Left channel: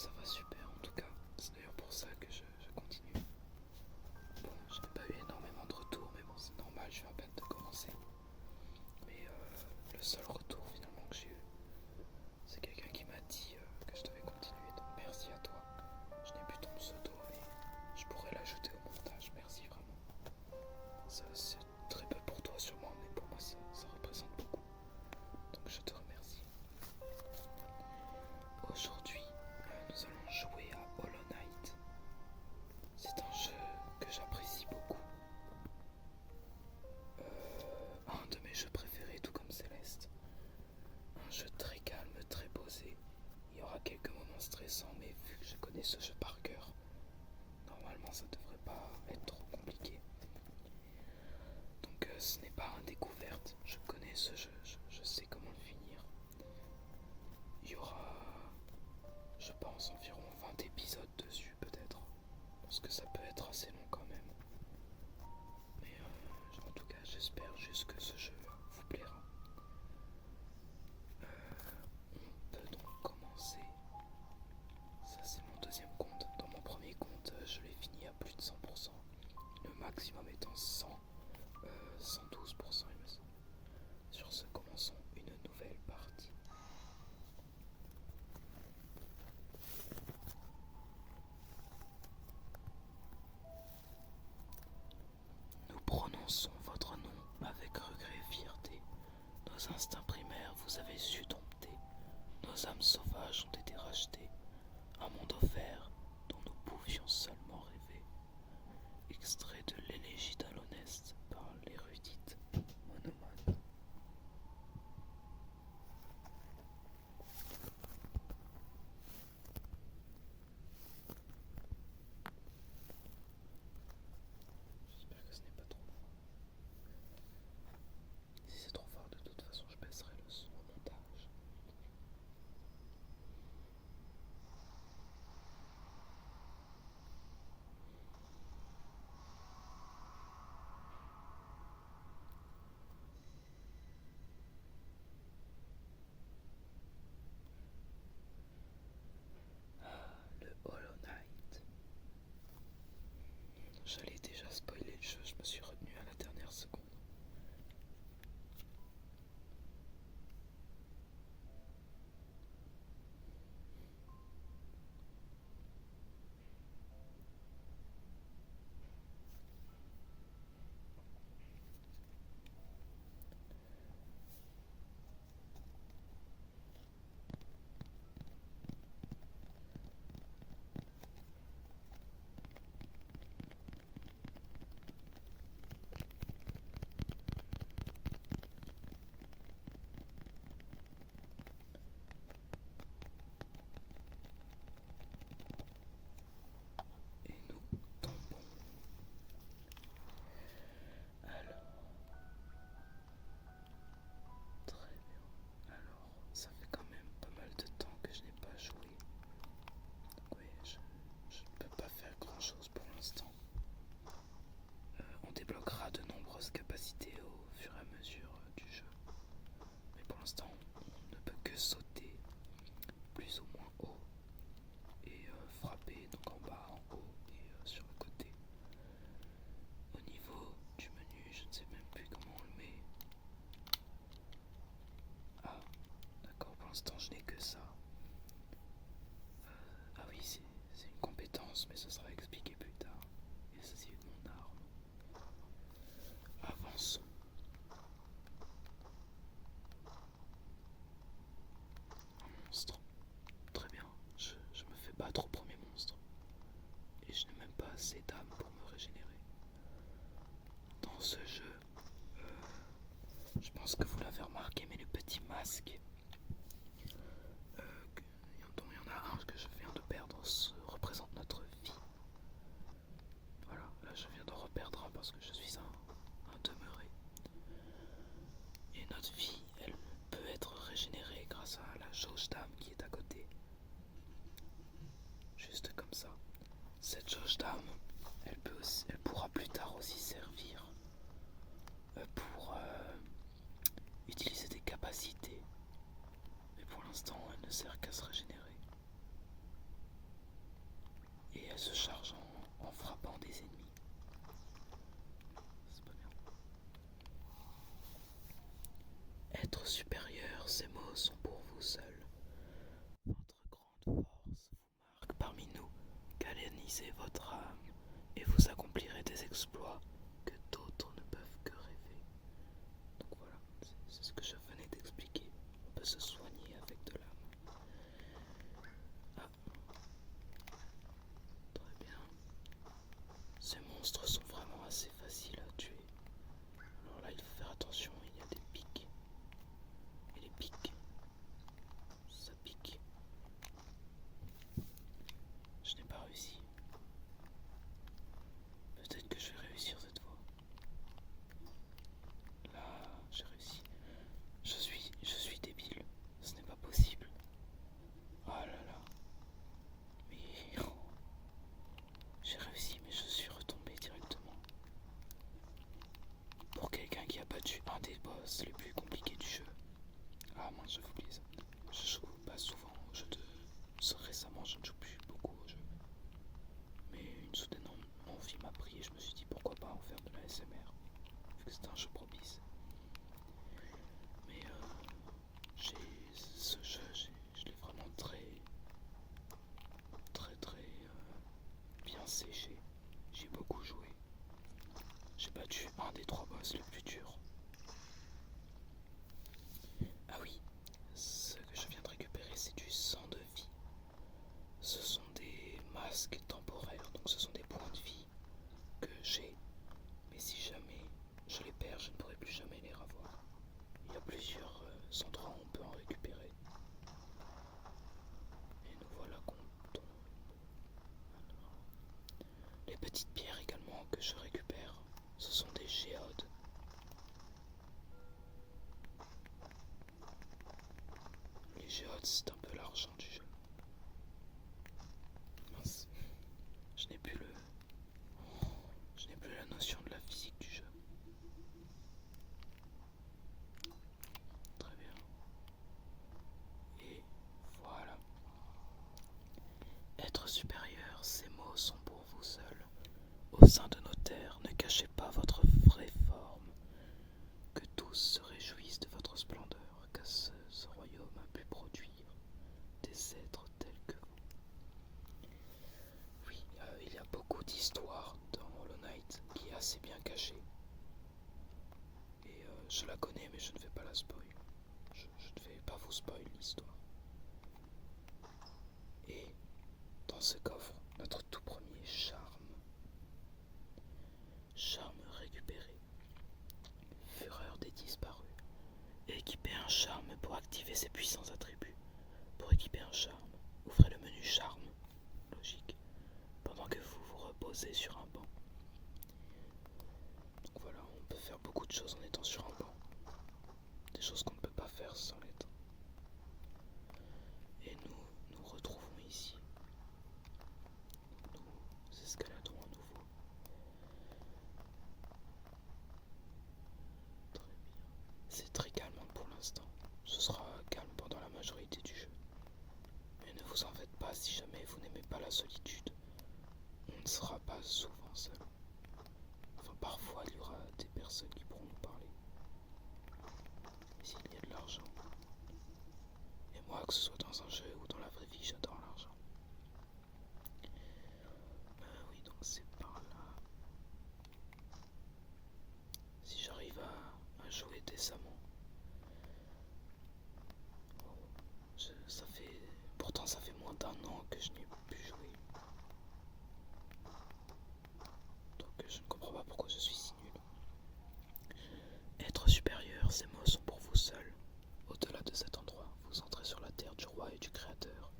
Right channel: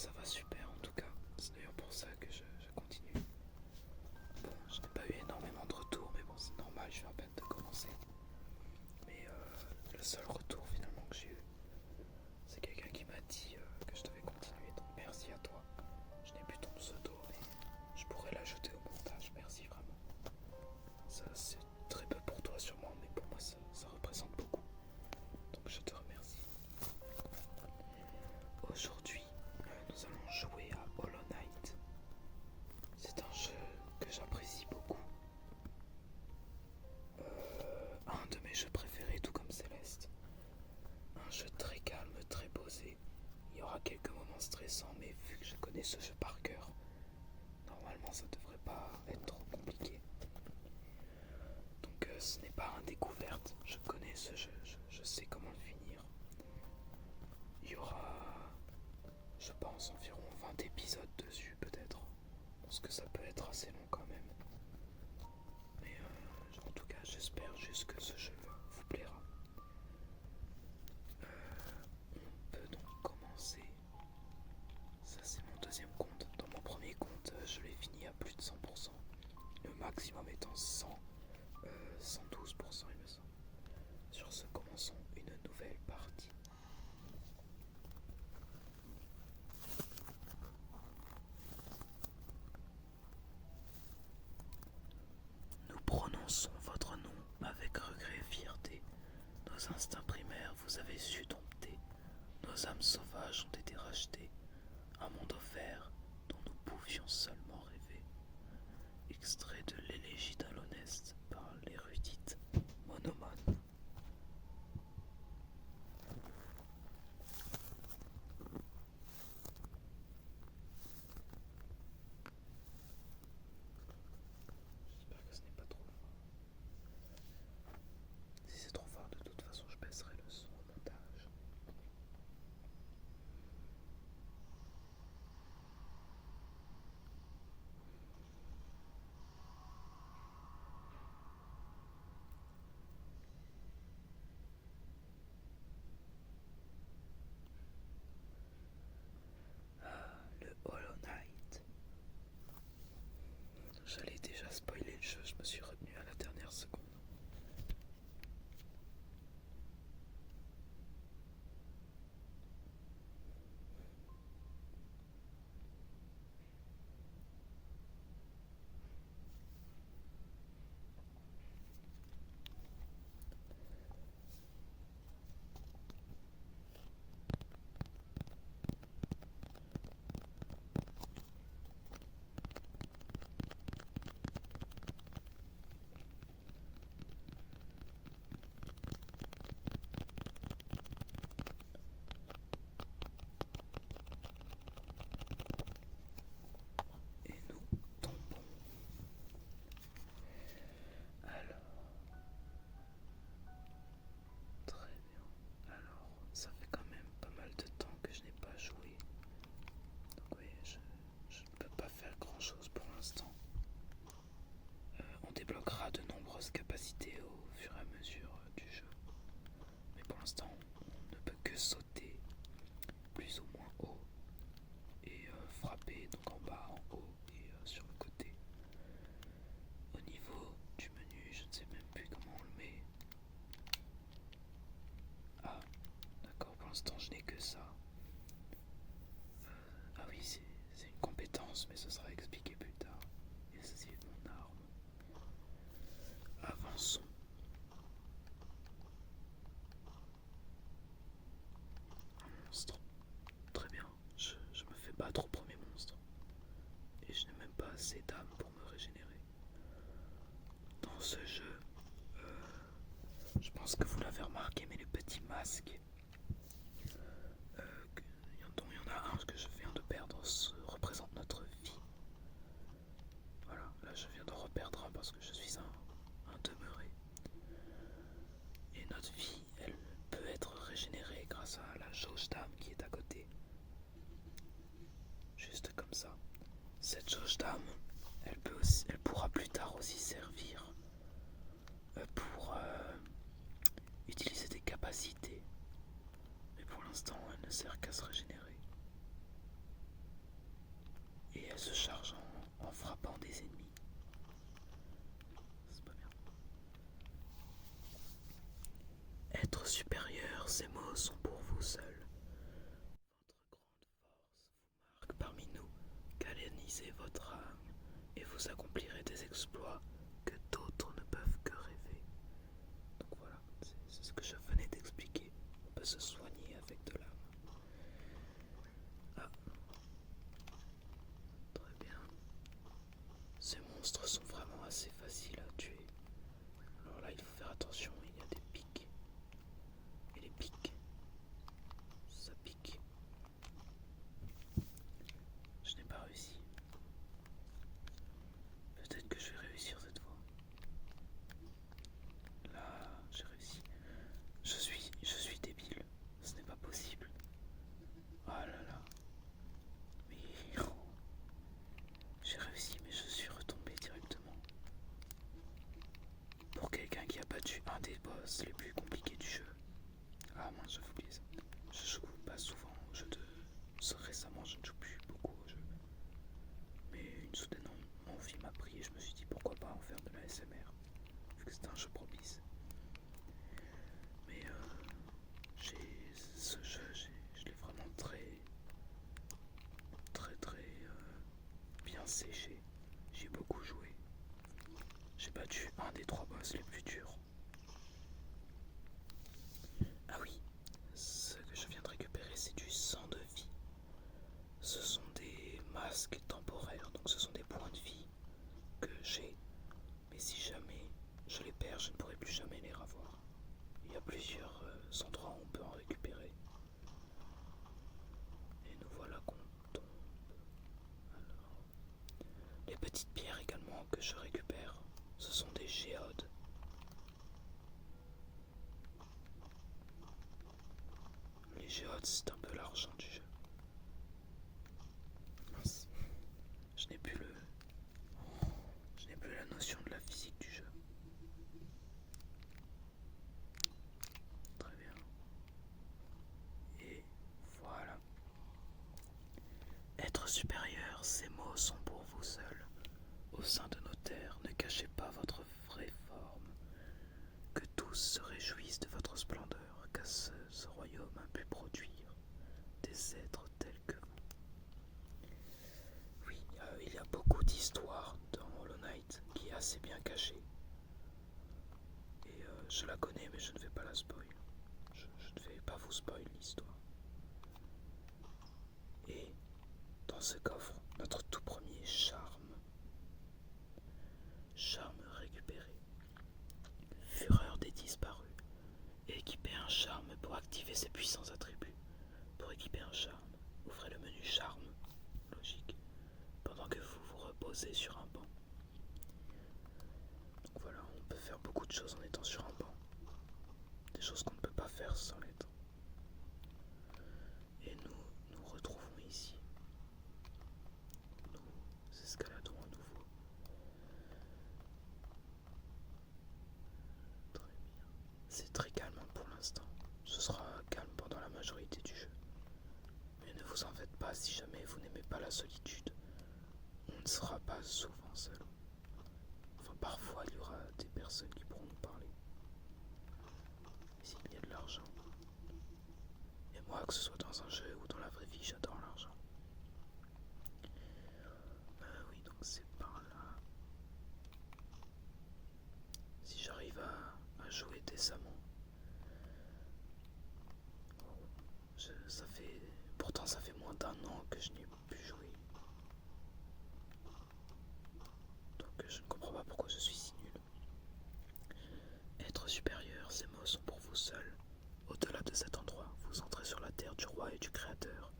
ça va super en tout cas. C'est d'ailleurs pour ça que je continue. Bon, je n'ai pas eu énormément de retours, mais bon, c'est normal, je viens à peine de commencer. Mais le seul retour finalement que j'ai eu, c'est quelqu'un qui m'a dit que je devais continuer. Donc merci à toi. Je n'ai plus ton pseudo, mais je pourrais l'ajouter au montage. Merci vraiment. Ça, c'est très peu pour toi sûrement, mais pour moi, ça représente beaucoup. Donc je te remercie. Aujourd'hui, nous allons jouer à Hollow Knight. C'est un jeu que j'apprécie beaucoup. Un de mes jeux préférés, tout comme Céleste. Un jeu très calme, très posé. Il y aura quelques moments stressants, mais vu que je connais ce jeu par cœur, normalement ça devrait pas être trop compliqué. Donc ce n'est pas une découverte, je connais ce jeu, je sais comment le finir. Il y aura, je pense, environ 20 épisodes dessus peut-être. Parce que ça peut être assez long quand même. Mais en tout cas, j'espère juste que ce jeu vous plaira. On peut donc commencer. Ça, c'est mon deuxième compte. Dans mon premier compte, je l'ai fini à plus de 100%. Le maximum étant 112% il me semble. Sur ce, commençons une nouvelle partie. Nous prononçons votre nom avec regret et fierté. Nos instincts primaires vous avez su dompter. Nos âmes sauvages ont été rachetées. Un monde offert dont nous pouvions seulement rêver. Extrait de l'élégie d'Aloneste par l'érudite Monomone. J'espère que ce n'est pas trop fort. Si c'est trop fort, de toute façon, je baisserai le son au montage. Le Hollow Knight. J'allais déjà spoiler le jeu, je me suis retenu à la dernière seconde. Et nous tombons. Alors, très bien. Alors, ça fait quand même pas mal de temps que je n'ai pas joué. Donc oui, je ne peux pas faire grand chose pour l'instant. On débloquera de nombreuses capacités au fur et à mesure du jeu. Mais pour l'instant, on ne peut que sauter plus ou moins haut et frapper donc en bas, en haut et sur le côté. Au niveau du menu, je ne sais même plus comment on le met. Ah, d'accord, pour l'instant je n'ai que ça. Ah oui, c'est une compétence, mais ce sera expliqué plus tard. Et ça, c'est mon arme. Avançons. Un monstre. Très bien, je me fais battre au premier monstre. Et je n'ai même pas assez d'âme pour me régénérer. Dans ce jeu, je pense que vous l'avez remarqué, mais les petits masques, dont il y en a un que je viens de perdre, représente notre vie. Voilà, là je viens d'en reperdre un parce que je suis un demeuré. Et notre vie, elle peut être régénérée grâce à la jauge d'âme qui est à côté. Juste comme ça. Cette jauge d'âme, elle pourra plus tard aussi servir pour utiliser des capacités. Mais pour l'instant, elle ne sert qu'à se régénérer. se charge en frappant des ennemis. C'est pas bien. Être supérieur, ces mots sont pour vous seuls. Votre grande force vous marque parmi nous. Galvanisez votre âme et vous accomplirez des exploits que d'autres ne peuvent que rêver. Donc voilà, c'est ce que je venais d'expliquer. On peut se soigner avec de l'âme. Ah, très bien. Ces monstres sont vraiment assez faciles à tuer. Alors là, il faut faire attention, il y a des pics. Et les pics, ça pique. Je n'ai pas réussi. Peut-être que je vais réussir cette fois. Là, j'ai réussi. Je suis débile. Ce n'est pas possible. Oh là là. Mais oh, j'ai réussi, mais je suis retombé directement. Pour quelqu'un qui a battu un des boss les plus compliqués du jeu. Ah mince, j'avoue que je joue pas souvent au jeu de... Récemment, je ne joue plus beaucoup au jeu. Mais une soudaine envie m'a pris et je me suis dit pourquoi pas en faire de la SMR, vu que c'est un jeu propice. Mais ce jeu, je l'ai vraiment très bien séché. J'ai beaucoup joué. J'ai battu un des 3 boss les plus durs. Ah oui, ce que je viens de récupérer, c'est du sang de vie. Ce sont des masques temporaires, donc ce sont des points de vie que j'ai. Mais si jamais je les perds, je ne pourrai plus jamais les revoir. Il y a plusieurs endroits où on peut en récupérer. Et nous voilà qu'on tombe. Alors, les petites pierres également que je récupère, ce sont des géodes. Les géodes, c'est un peu l'argent du jeu. Mince, je n'ai plus la notion de la physique du jeu. Très bien. Et voilà. Être supérieur, ces mots sont pour vous seuls. Au sein de nos terres, ne cachez pas votre vraie forme. Que tous se réjouissent de votre splendeur, car ce royaume a pu produire des êtres tels que vous. Oui, il y a beaucoup d'histoires dans Hollow Knight qui est assez bien cachée. Et je la connais, mais je ne vais pas la spoil. Je ne vais pas vous spoil l'histoire. Et dans ce coffre, notre tout premier charme. Charme récupéré. Fureur des disparus. Équiper un charme pour activer ses puissants attributs. Pour équiper un charme, ouvrez le menu charme. Logique. Pendant que vous vous reposez sur un banc. Donc voilà, on peut faire beaucoup de choses en étant sur un banc. Des choses qu'on ne peut pas faire sans l'être. Et nous retrouvons ici. Nous escaladons à nouveau. Très bien. C'est très calme pour l'instant. Ce sera calme pendant la majorité du jeu. Mais ne vous en faites pas si jamais vous n'aimez pas la solitude. On ne sera pas souvent seul. Enfin, parfois il y aura des personnes qui pourront nous parler. S'il y a de l'argent. Et moi, que ce soit dans un jeu ou dans la vraie vie, j'adore l'argent. Oui, donc c'est par là. Si j'arrive à jouer décemment. Pourtant ça fait moins d'un an que je n'ai plus joué. Donc je ne comprends pas pourquoi je suis si nul. Être supérieur, ces mots sont pour vous seuls. Au-delà de cet endroit, vous entrez sur la terre du roi et du créateur.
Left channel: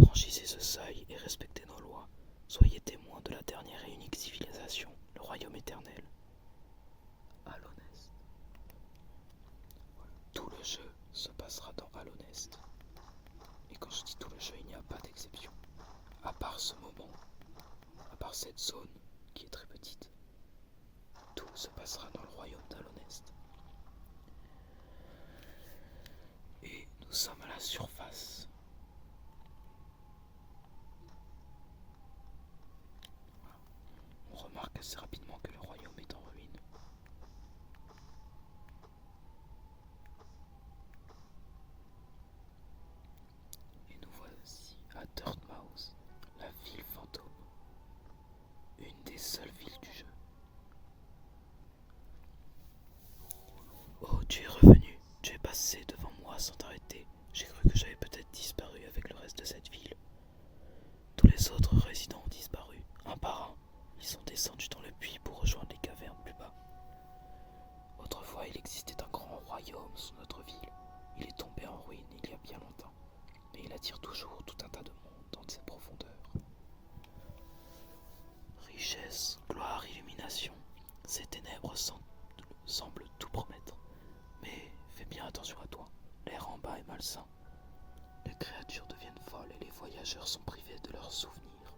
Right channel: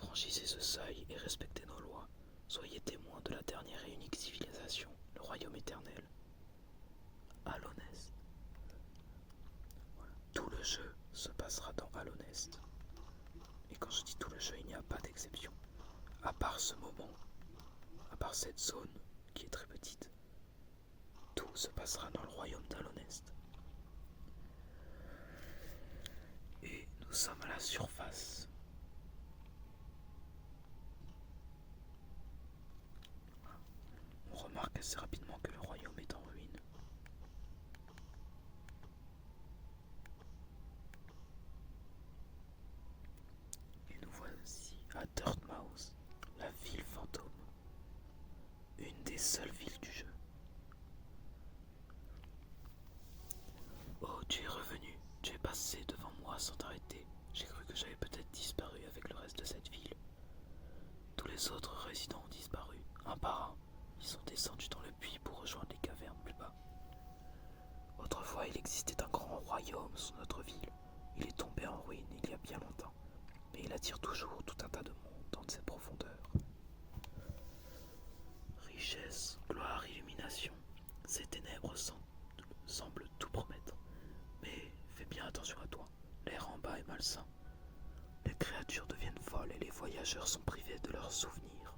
Franchissez ce seuil et respectez nos lois. Soyez témoins de la dernière et unique civilisation, le royaume éternel. Halonest. Voilà. Tout le jeu se passera dans Halonest. Et quand je dis tout le jeu, il n'y a pas d'exception. À part ce moment, à part cette zone qui est très petite, tout se passera dans le royaume d'Halonest. Et nous sommes à la surface. remarque assez rapidement que le royaume est en ruine. Et nous voici à Dirtmouth, la ville fantôme, une des seules villes du jeu. Oh, tu es revenu, tu es passé devant moi sans t'arrêter. J'ai cru que j'avais peut-être disparu avec le reste de cette ville. Tous les autres résidents ont disparu, un par un. Ils sont descendus dans le puits pour rejoindre les cavernes plus bas. Autrefois, il existait un grand royaume sous notre ville. Il est tombé en ruine il y a bien longtemps, mais il attire toujours tout un tas de monde dans ses profondeurs. Richesse, gloire, illumination, ces ténèbres semblent tout promettre. Mais fais bien attention à toi, l'air en bas est malsain. Les créatures deviennent folles et les voyageurs sont privés de leurs souvenirs.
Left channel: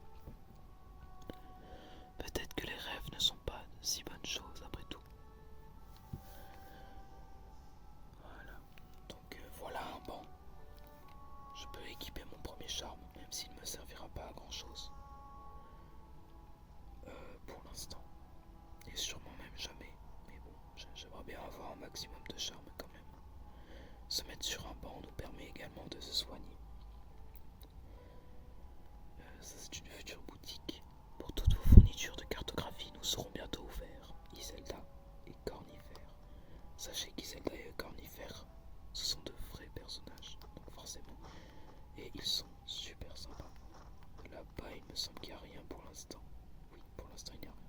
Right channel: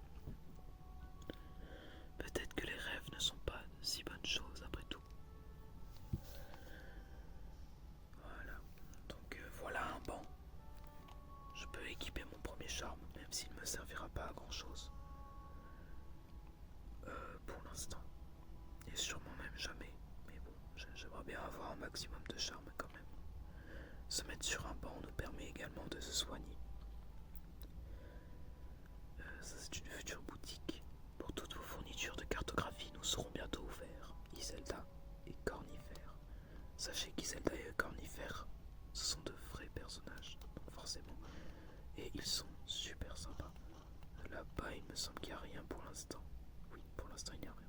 Peut-être que les rêves ne sont pas de si bonnes choses après tout. Voilà, donc voilà un banc. Je peux équiper mon premier charme, même s'il ne me servira pas à grand chose. Pour l'instant. Et sûrement même jamais. Mais bon, j'aimerais bien avoir un maximum de charme quand même. Se mettre sur un banc nous permet également de se soigner. Ça c'est une future boutique. Pour toutes vos fournitures de cartographie, nous serons bientôt ouverts. Iselda et Cornifère. Sachez qu'Iselda et Cornifère, ce sont de vrais personnages, donc forcément. Et ils sont super sympas. Là-bas, il me semble qu'il n'y a rien pour l'instant. Oui, pour l'instant, il n'y a rien.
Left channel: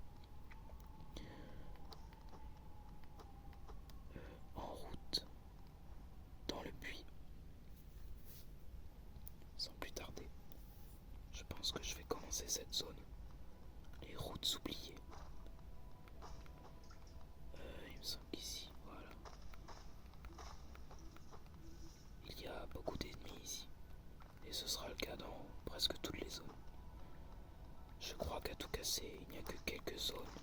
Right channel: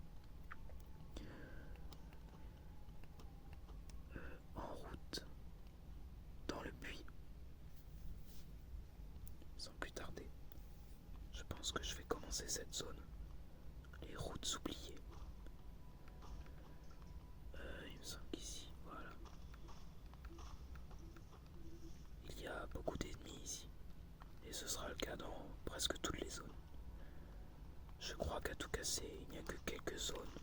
En route, dans le puits, sans plus tarder, je pense que je vais commencer cette zone. Les routes oubliées. Il me semble qu'ici, voilà. Il y a beaucoup d'ennemis ici. Et ce sera le cas dans presque toutes les zones. Je crois qu'à tout casser, il n'y a que quelques zones,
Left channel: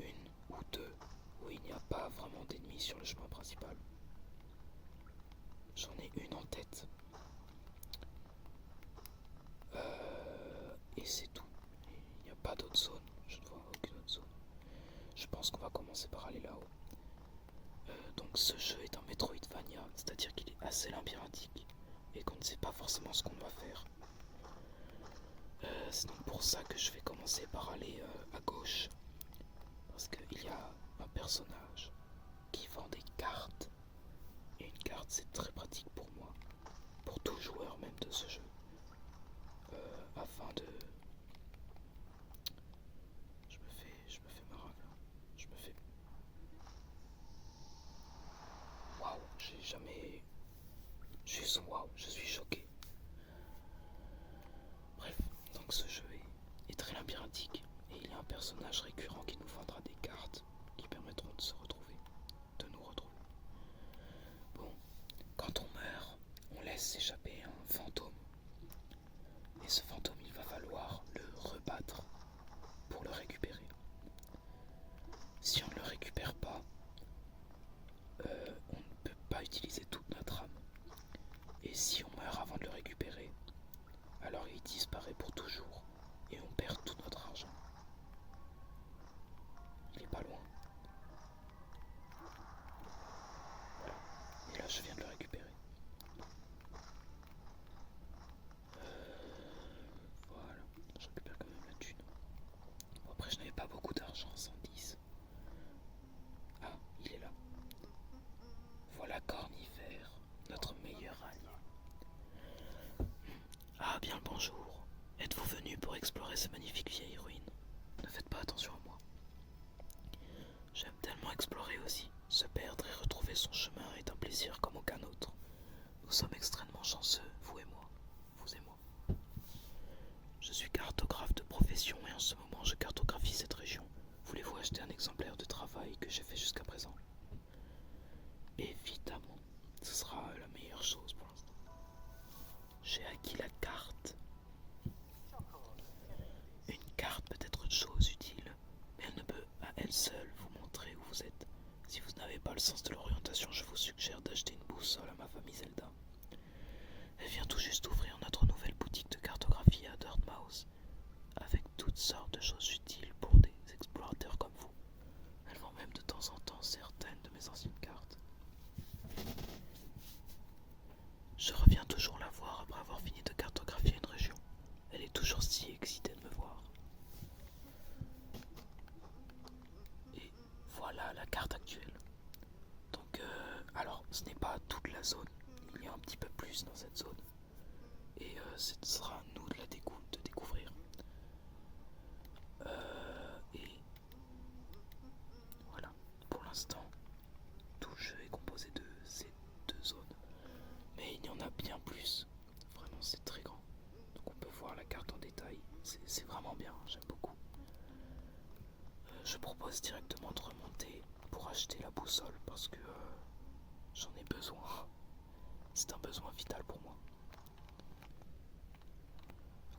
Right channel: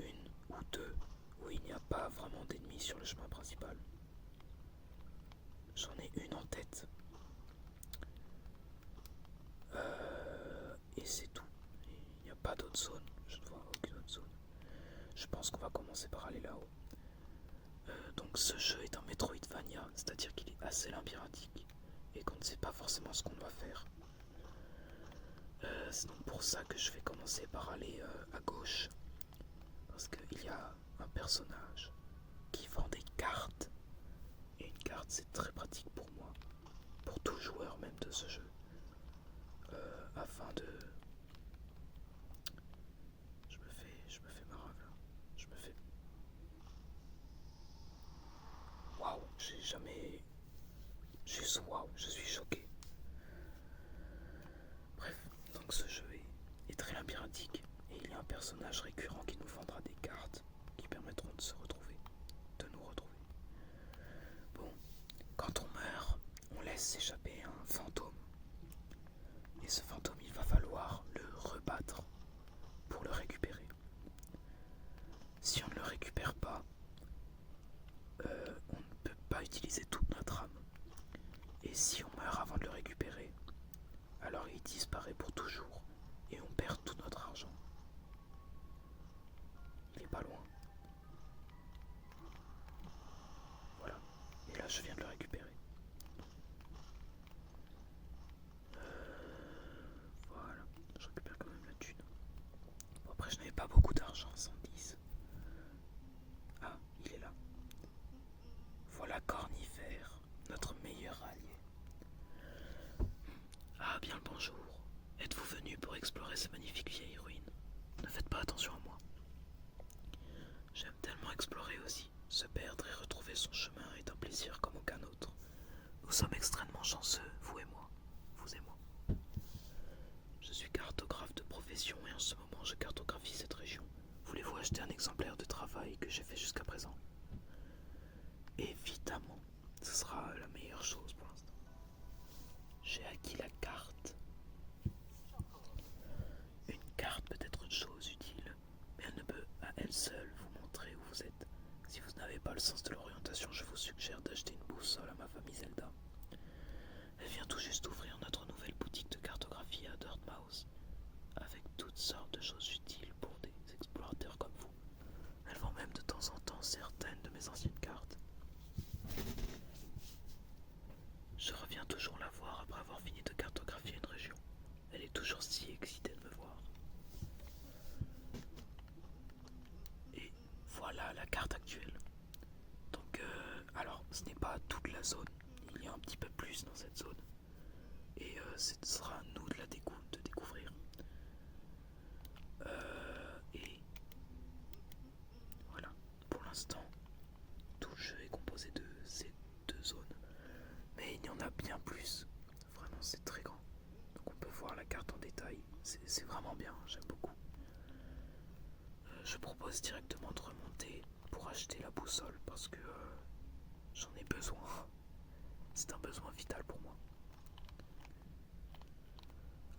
une ou deux, où il n'y a pas vraiment d'ennemis sur le chemin principal. J'en ai une en tête. Et c'est tout. Il n'y a pas d'autres zones. Je ne vois aucune autre zone. Je pense qu'on va commencer par aller là-haut. Donc ce jeu est un Metroidvania, c'est-à-dire qu'il est assez labyrinthique et qu'on ne sait pas forcément ce qu'on doit faire. C'est donc pour ça que je vais commencer par aller à gauche, parce qu'il y a un personnage qui vend des cartes, et une carte c'est très pratique pour moi, pour tout joueur même de ce jeu, afin de... Je me fais marrer là, je me fais... Waouh, j'ai jamais... Juste waouh, je suis choqué. Bref, donc ce jeu est très labyrinthique et il y a un personnage récurrent qui nous vendra des cartes qui permettront de se retrouver, de nous retrouver. Bon, quand on meurt, on laisse s'échapper un fantôme. Et ce fantôme, il va falloir le rebattre pour le récupérer. Si on ne le récupère pas, on ne peut pas utiliser toute notre âme. Et si on meurt avant de le récupérer, alors il disparaît pour toujours et on perd tout notre argent. Il est pas loin. Voilà. Et là je viens de le récupérer. Voilà. Je récupère quand même la thune. Bon, après je n'avais pas beaucoup d'argent, 110. Ah, il est là. Voilà Cornifère, notre meilleur allié. Ah bien le bonjour. Êtes-vous venu pour explorer ces magnifiques vieilles ruines? Ne faites pas attention à moi. J'aime tellement explorer aussi. Se perdre et retrouver son chemin est un plaisir comme aucun autre. Nous sommes extrêmement chanceux, vous et moi. Vous et moi. Je suis cartographe de profession et en ce moment je cartographie cette région. Voulez-vous acheter un exemplaire de travail que j'ai fait jusqu'à présent? Évidemment, ce sera la meilleure chose pour l'instant. J'ai acquis la carte. Une carte peut être une chose utile, mais elle ne peut à elle seule vous montrer où vous êtes. Si vous n'avez pas le sens de l'orientation, je vous suggère d'acheter une boussole à ma famille Zelda. Elle vient tout juste d'ouvrir notre nouvelle boutique de cartographie à Dirtmouth, avec toutes sortes de choses utiles pour des toujours si excité de me voir. Et voilà la carte actuelle. Donc, alors, ce n'est pas toute la zone. Il y a un petit peu plus dans cette zone. Et ce sera à nous de de découvrir. Et voilà, pour l'instant, tout le jeu est composé de ces deux zones. Mais il y en a bien plus. Vraiment, c'est très grand. Donc on peut voir la carte en détail. C'est vraiment bien, j'aime beaucoup. Je propose directement de remonter pour acheter la boussole parce que j'en ai besoin. C'est un besoin vital pour moi.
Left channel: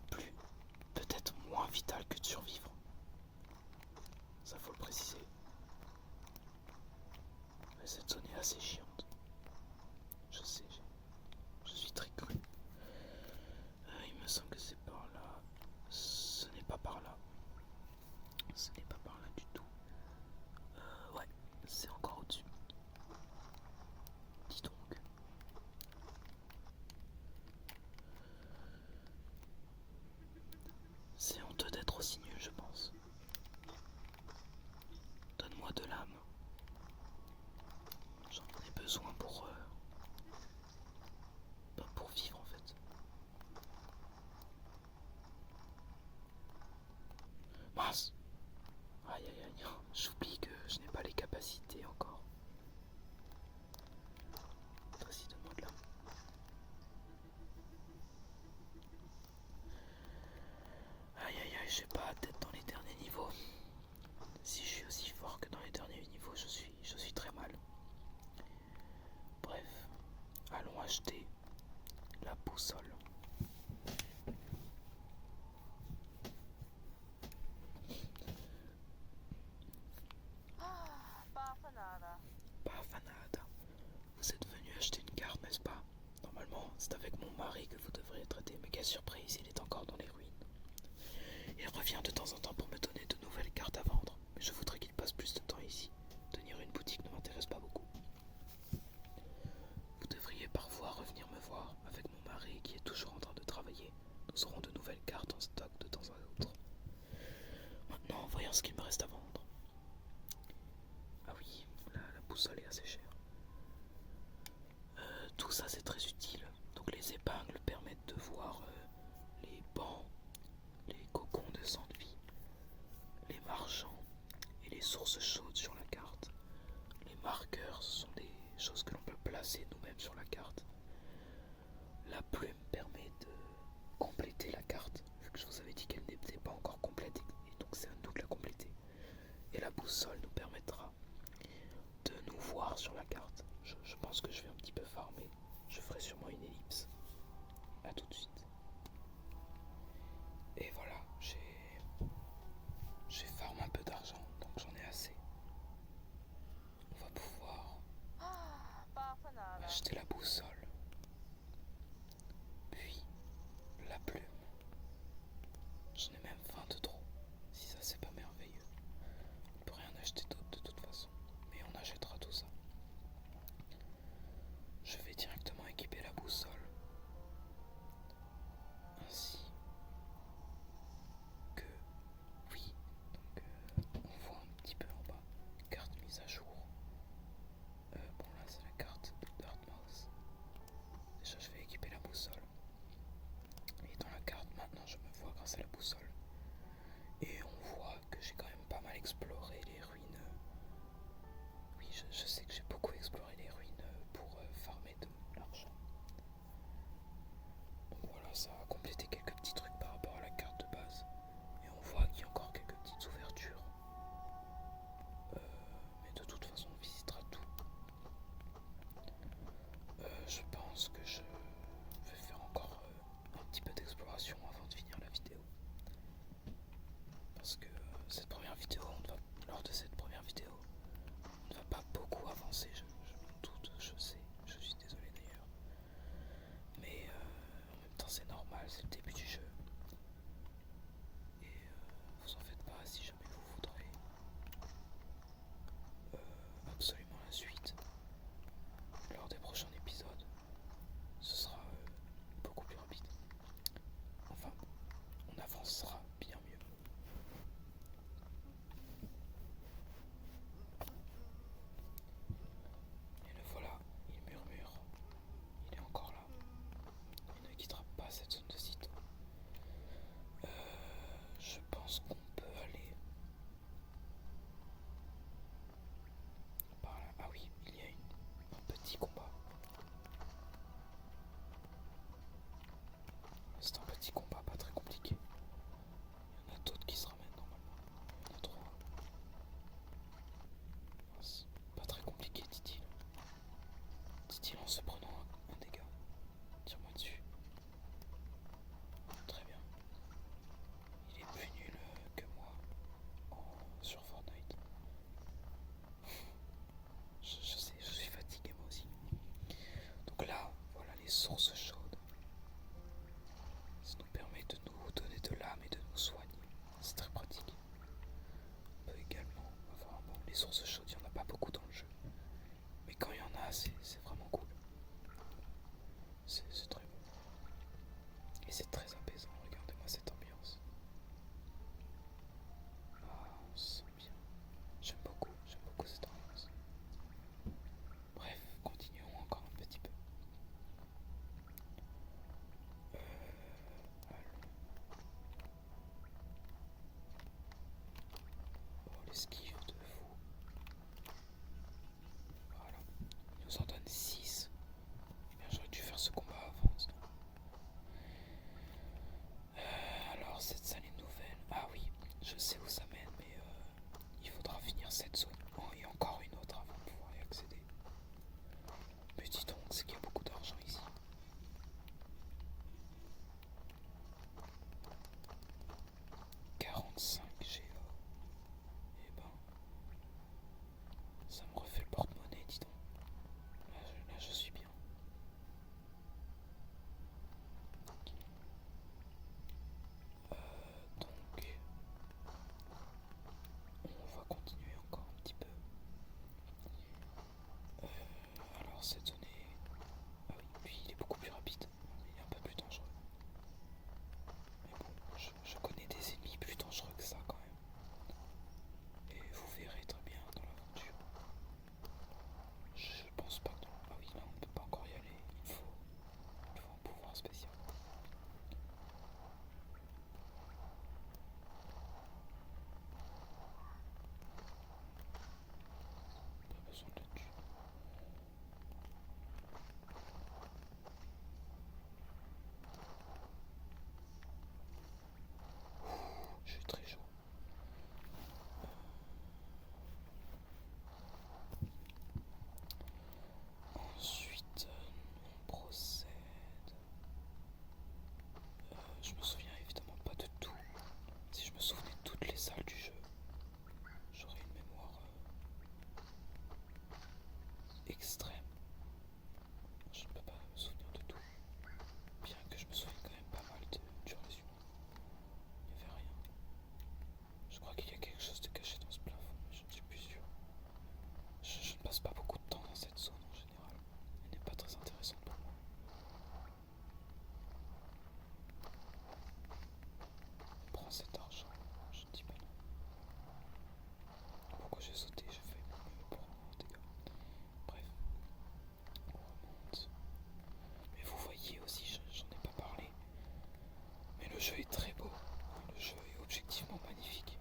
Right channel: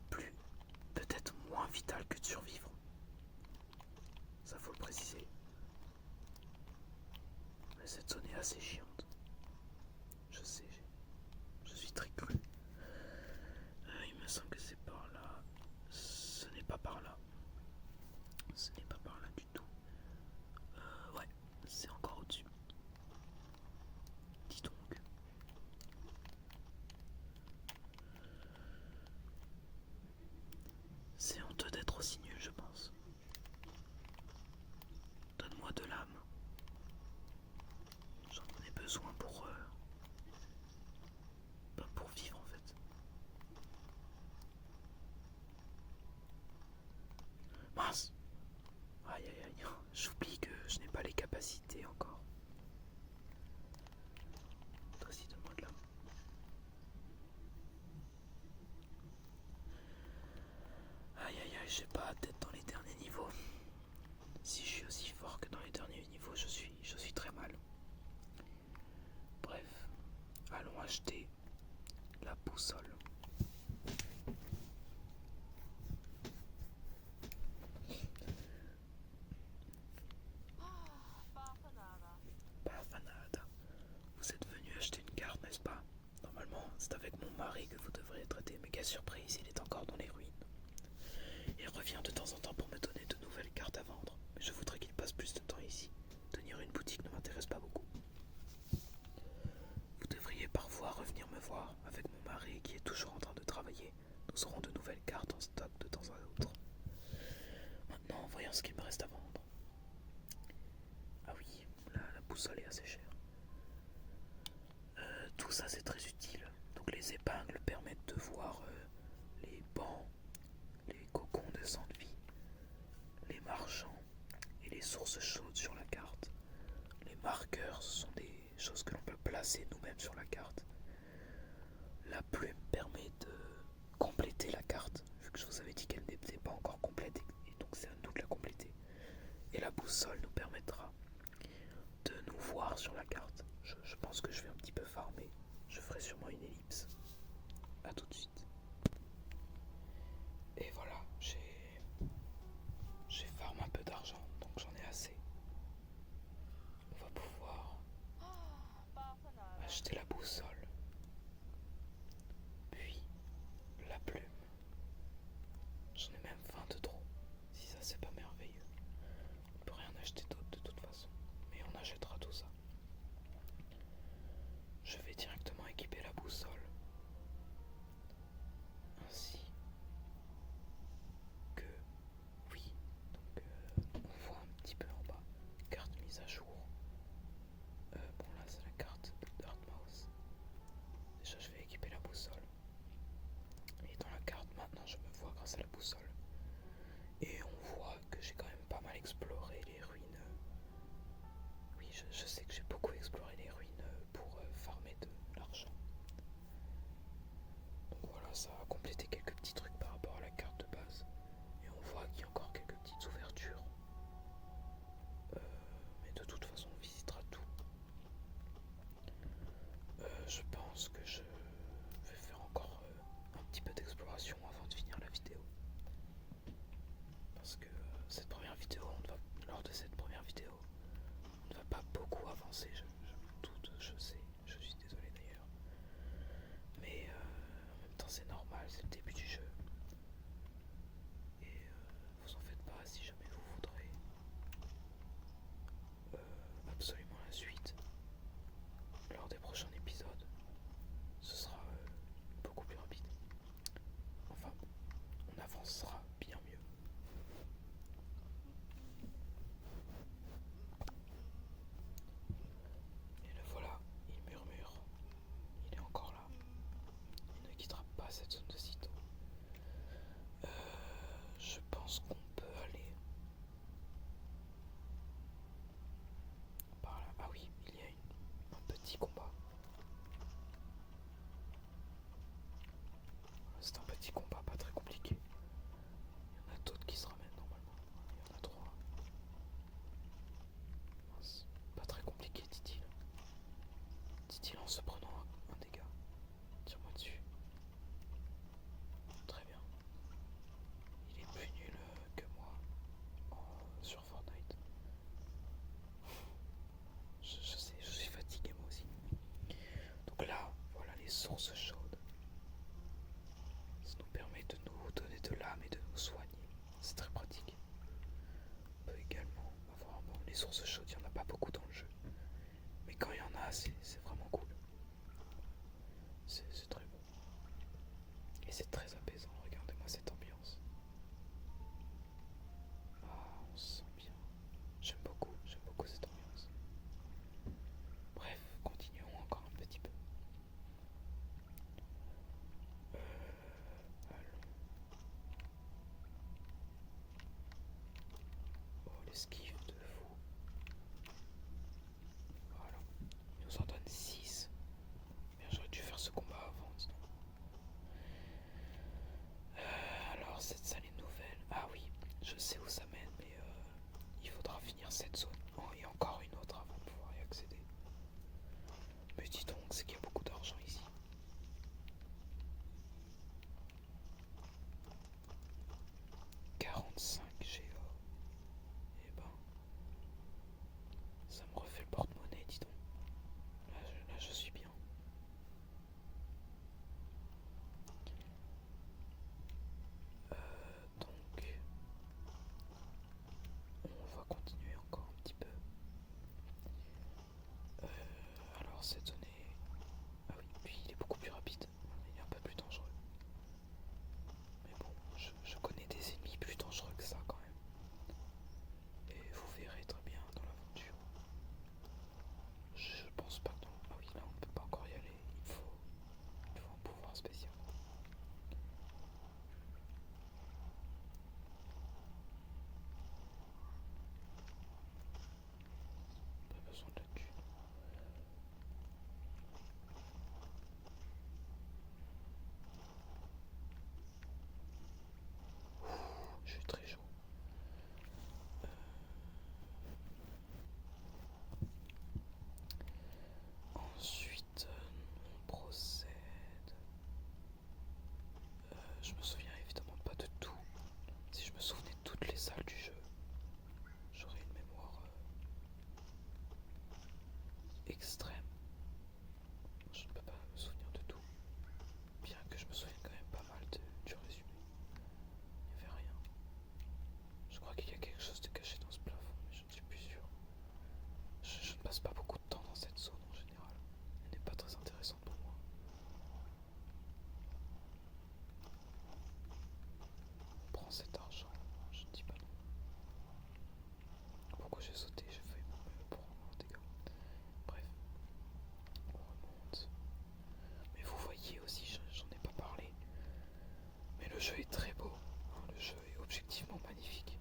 Plus, peut-être moins vital que de survivre. Ça faut le préciser. Mais cette zone est assez chiante. Je sais, je suis très cru. Il me semble que c'est par là. Ce n'est pas par là. Ce n'est pas par là du tout. Ouais, c'est encore au-dessus. Dis donc. C'est honteux d'être aussi nul, je pense. Donne-moi de l'âme. J'en ai besoin pour vivre en fait. Mince. Aïe aïe aïe. J'oublie que je n'ai pas les capacités encore. Vas-y, donne-moi de l'âme. Aïe aïe aïe, j'ai pas d'être dans les derniers niveaux. Si je suis aussi fort que dans les derniers niveaux, je suis très mal. Bref, allons acheter la boussole. Parfanada. Vous êtes venu acheter une carte, n'est-ce pas? Normalement, c'est avec mon mari que vous devriez traiter, mais quelle surprise, il est encore dans les ruines. Il revient de temps en temps pour me donner de nouvelles cartes à vendre, mais je voudrais qu'il passe plus de temps ici. Tenir une boutique ne m'intéresse pas beaucoup. Vous devriez parfois revenir me voir avec mon mari qui est toujours en train de travailler. Nous aurons de nouvelles cartes en stock de temps à autre. Maintenant, voyons ce qu'il me reste à vendre. Ah oui, la boussole est assez chère. Tout ça c'est très utile. Donc les épingles permettent de voir les bancs, les cocons de sang de vie, les marchands et les sources chaudes sur la carte. Les marqueurs, ce sont des choses que l'on peut placer nous-mêmes sur la carte. La plume permet de compléter la carte, vu que je vous avais dit qu'elle n'était pas encore complète, et donc c'est à nous de la compléter. Et la boussole nous permettra de nous voir sur la carte. Je pense que je vais un petit peu farmer. Je ferai sûrement une ellipse. A tout de suite. Et voilà, j'ai farmé un peu d'argent, donc j'en ai assez. On va pouvoir acheter la boussole, puis la plume. J'en ai même 20 de trop. Si ça c'est pas merveilleux. On peut rien acheter d'autre de toute façon, mais on achètera tout ça. Je vais directement équiper la boussole. Ainsi que, oui, donc on voit un petit peu en bas, carte mise à jour. Bon là c'est la carte de Dartmouth. Déjà je vais équiper la boussole. Et dans la carte maintenant je me vois grâce à la boussole. Et on voit que j'ai quand même pas mal exploré les ruines. Oui, je sais que j'ai beaucoup exploré les ruines pour farmer de l'argent. Donc voilà, ça a complété quelques petits trucs par rapport à la carte de base. Et on voit qu'il y a encore quelques petites ouvertures. Mais de toute façon, on visitera tout. Je pense que je vais faire encore un petit peu d'exploration avant de finir la vidéo. Parce que lors de cette première vidéo, on ne va pas beaucoup avancer. Je me doute, je sais, je suis désolé d'ailleurs. Mais en même temps, c'est normal, c'est le début du jeu. Et vous en faites pas si jamais vous voudrez absolument la suite. Lors des prochains épisodes, ce sera beaucoup plus rapide. Enfin, on a sera bien mieux. Et le voilà, il murmure. Il est encore là. Il ne quittera pas cette zone de sitôt. Je pense qu'on peut aller par là. Ah oui, il y a un petit combat. C'est un petit combat pas très compliqué. Il y en a d'autres qui se ramènent normalement. Il y en a 3. Mince. Pas très compliqué, dit-il. Dit-il en se prenant un dégât. Tire-moi dessus. Très bien. Il est plus nul que moi sur Fortnite. Je sais, je suis fatigué moi aussi. Donc là, voilà les sources chaudes. Ça nous permet de nous donner de l'âme et de nous soigner. C'est très pratique. On peut également avoir les sources chaudes, il n'y en a pas beaucoup dans le jeu. Mais quand il y en a, c'est vraiment cool. C'est très bon. Et c'est très apaisant, regardez-moi cette ambiance. Ah, on se sent bien. J'aime beaucoup cette ambiance. Bref, continuons encore un petit peu. Allons. Oh, l'esquive de fou. Voilà. Il nous en donne 6. J'aurais dû faire ce combat avant. Alors, cette salle est nouvelle. Ah oui, je sais où ça mène, mais il faudra finir cette zone. Oh, et encore une autre avant de pouvoir y accéder. Mais dis donc, c'est qu'il y a beaucoup d'argent ici. 45 GA. Eh ben, ça me refait le porte-monnaie, dis donc. Là, je suis bien. Donc, on va continuer encore un petit peu. Alors, cette zone est... Ah oui, lui, il est beaucoup plus rapide. Il est un peu plus dangereux. Mais bon, je connais des ennemis plus dangereux que ça quand même. Et vous verrez très bien dans l'aventure. Je pense pas. Ah oui, là, on ne peut pas encore y aller. Il faut un pouvoir spécial. Pas besoin de la thune. Je suis très chaud. Ensuite, on procède. Je me souviens évidemment pas de tout. Si je me souvenais de toutes les salles du jeu, j'aurais une mémoire extrême. Je ne peux pas me souvenir de tout. Bien que je me souvienne quand même pas mal du résumé. Il n'y avait rien. Je crois qu'il y a quelque chose de caché dans ce plafond, mais je ne suis plus sûr. Je ne passe pas beaucoup de temps dans cette zone en général. Elle n'est pas très intéressante pour moi. On prend cet argent, je ne dis pas non. Pourquoi j'ai sauté, j'ai failli me prendre un dégât. Bref, on remonte. Mais vous voyez aussi, j'en ai pas parlé, mais le jeu est très beau. Le jeu est objectivement magnifique.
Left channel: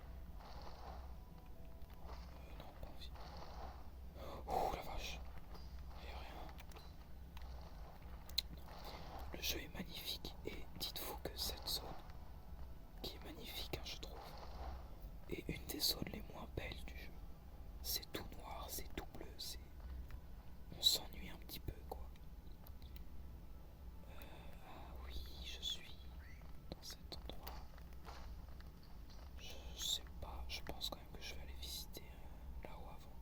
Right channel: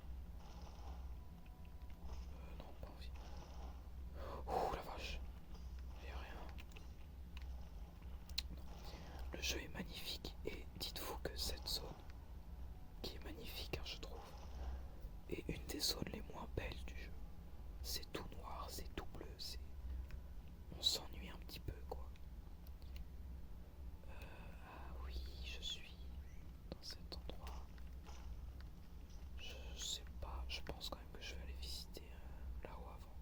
Non, pas envie. Oh la vache, il n'y a rien. Le jeu est magnifique et dites-vous que cette zone, qui est magnifique hein, je trouve, est une des zones les moins belles du jeu. C'est tout noir, c'est tout bleu, on s'ennuie un petit peu quoi. Ah oui, je suis dans cet endroit. Je sais pas, je pense quand même que je vais aller visiter là-haut avant.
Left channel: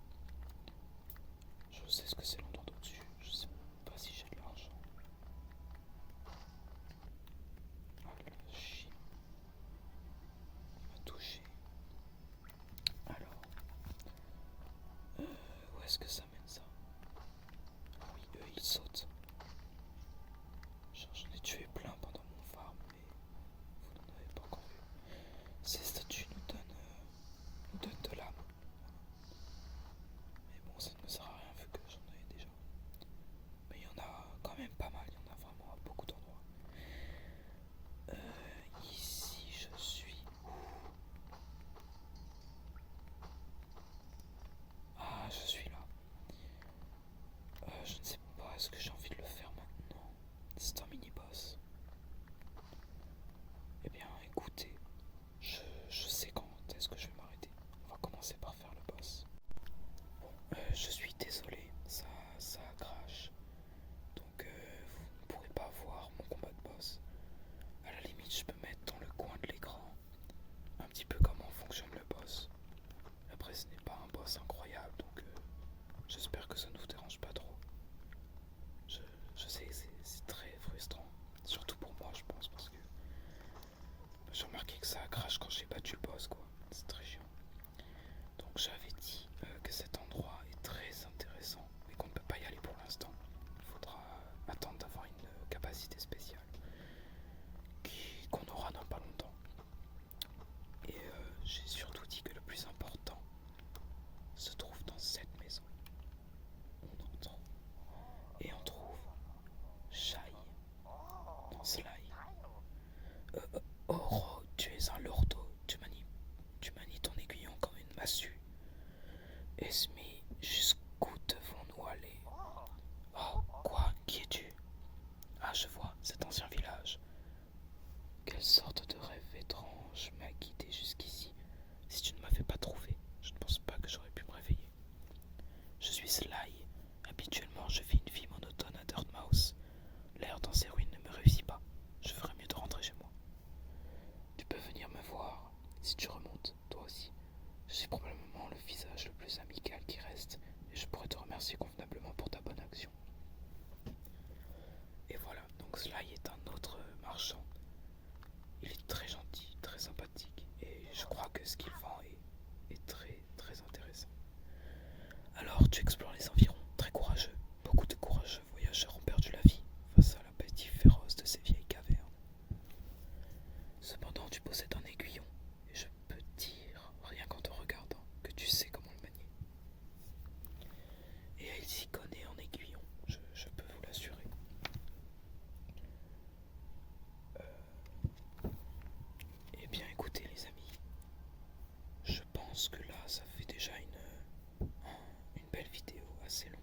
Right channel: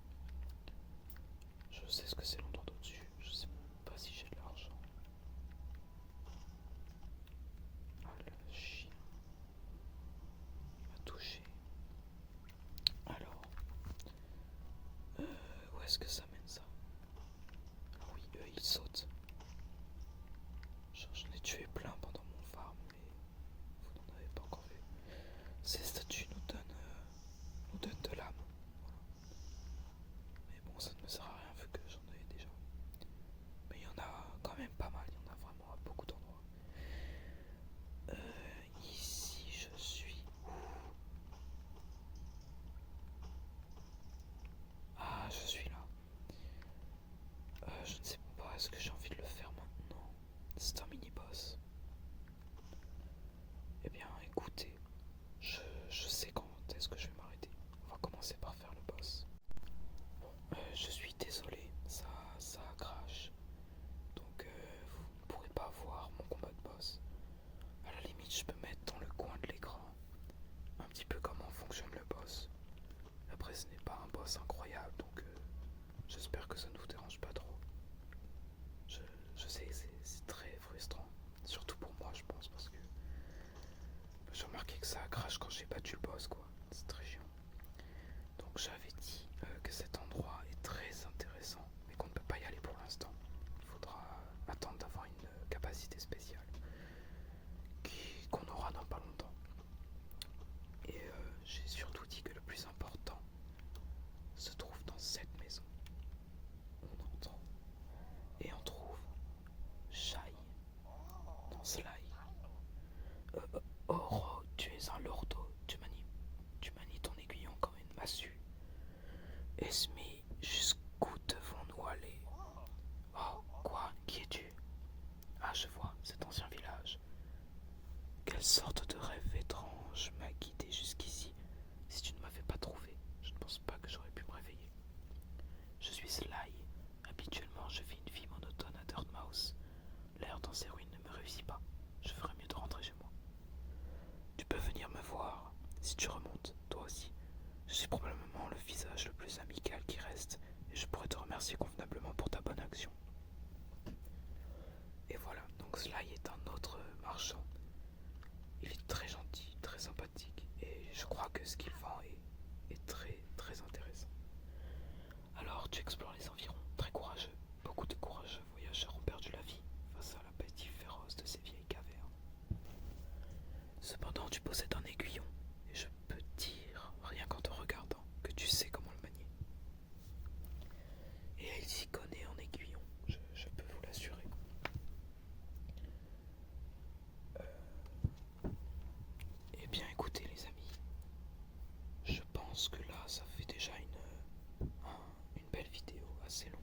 Je sais ce que c'est l'endroit d'au-dessus, je sais pas si j'ai de l'argent. Ah le chien m'a touché. Alors, où est-ce que ça mène ça? Oui, eux ils sautent. J'en ai tué plein pendant mon farm, mais vous n'en avez pas encore vu. Je suis désolé, ça crache. Donc vous ne pourrez pas voir mon combat de boss. À la limite, je peux mettre dans le coin de l'écran un petit peu comment fonctionne le boss. Après, ce n'est pas un boss incroyable, donc j'espère que ça ne vous dérange pas trop. Je sais, c'est très frustrant, surtout pour moi, je pense, parce que j'ai remarqué que ça crache quand j'ai battu le boss, quoi. C'est très chiant. Donc j'avais dit que cet endroit est très intéressant, mais qu'on ne peut pas y aller pour l'instant. Il faudra attendre d'avoir une capacité spéciale qu'on aura dans pas longtemps. Et j'ai surtout dit que le plus important se trouve dans cette maison. On entre et on trouve Shai dans Sly. Oh, tu es un lourdeau, tu manies ton aiguillon comme une massue. Esme, jusqu'où devons-nous aller? Oh, quoi? Qui es-tu? Ah, je vois, cet ancien village. Quelle sorte de rêve étrange m'a guidé jusqu'ici? Si tu ne m'avais pas trouvé, je ne pense pas que j'aurais pu me réveiller. Je suis Sly. Habituellement, je vis une vie monotone à Dirtmouth. L'air dans ces ruines ne me réussit pas. Je ferais mieux de rentrer chez moi. Tu peux venir me voir si tu remontes, toi aussi. Je suis probablement le visage le plus amical qui reste et je pourrais te remercier convenablement pour ta bonne action. Et voilà, donc Sly est un autre marchand. Il est très gentil, très sympathique et je crois que ce qu'il vend est très très intéressant. Alors tu explores les environs, très courageux. Beaucoup de courageux voyageurs ont perdu la vie face à l'appétit féroce de ces vieilles cavernes. Cependant, tu possèdes un aiguillon et je peux dire, rien qu'en te regardant, que tu sais comment le manier. Et elle s'y connaît en aiguillon, je peux vous l'assurer. Eh bien écoutez les amis, je pense que là ça fait déjà une belle vidéo assez longue.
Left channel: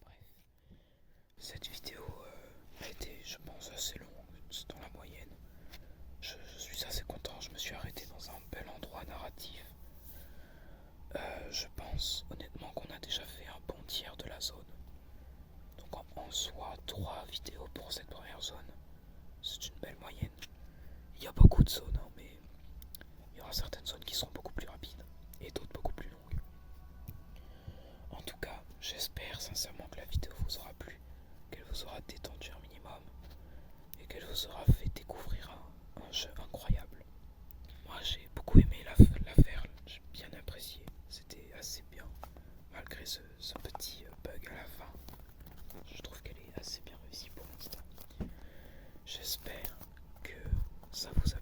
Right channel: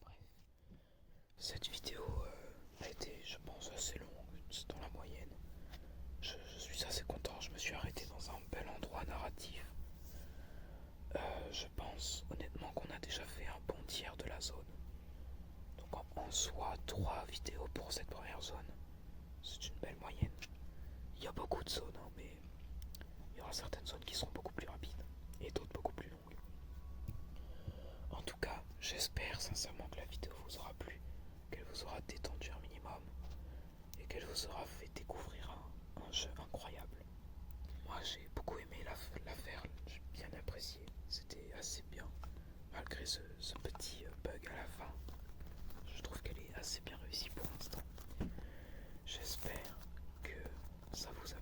Bref, cette vidéo a été, je pense, assez longue, dans la moyenne. Je suis assez content, je me suis arrêté dans un bel endroit narratif. Je pense honnêtement qu'on a déjà fait un bon tiers de la zone. Donc en soi, 3 vidéos pour cette première zone, c'est une belle moyenne. Il y a beaucoup de zones, hein, mais il y aura certaines zones qui seront beaucoup plus rapides et d'autres beaucoup plus longues. En tout cas, j'espère sincèrement que la vidéo vous aura plu, qu'elle vous aura détendu un minimum et qu'elle vous aura fait découvrir un jeu incroyable. Moi j'ai beaucoup aimé la faire, j'ai bien apprécié, c'était assez bien, malgré ce petit bug à la fin. Je trouve qu'elle est assez bien réussie pour l'instant. J'espère que ça vous a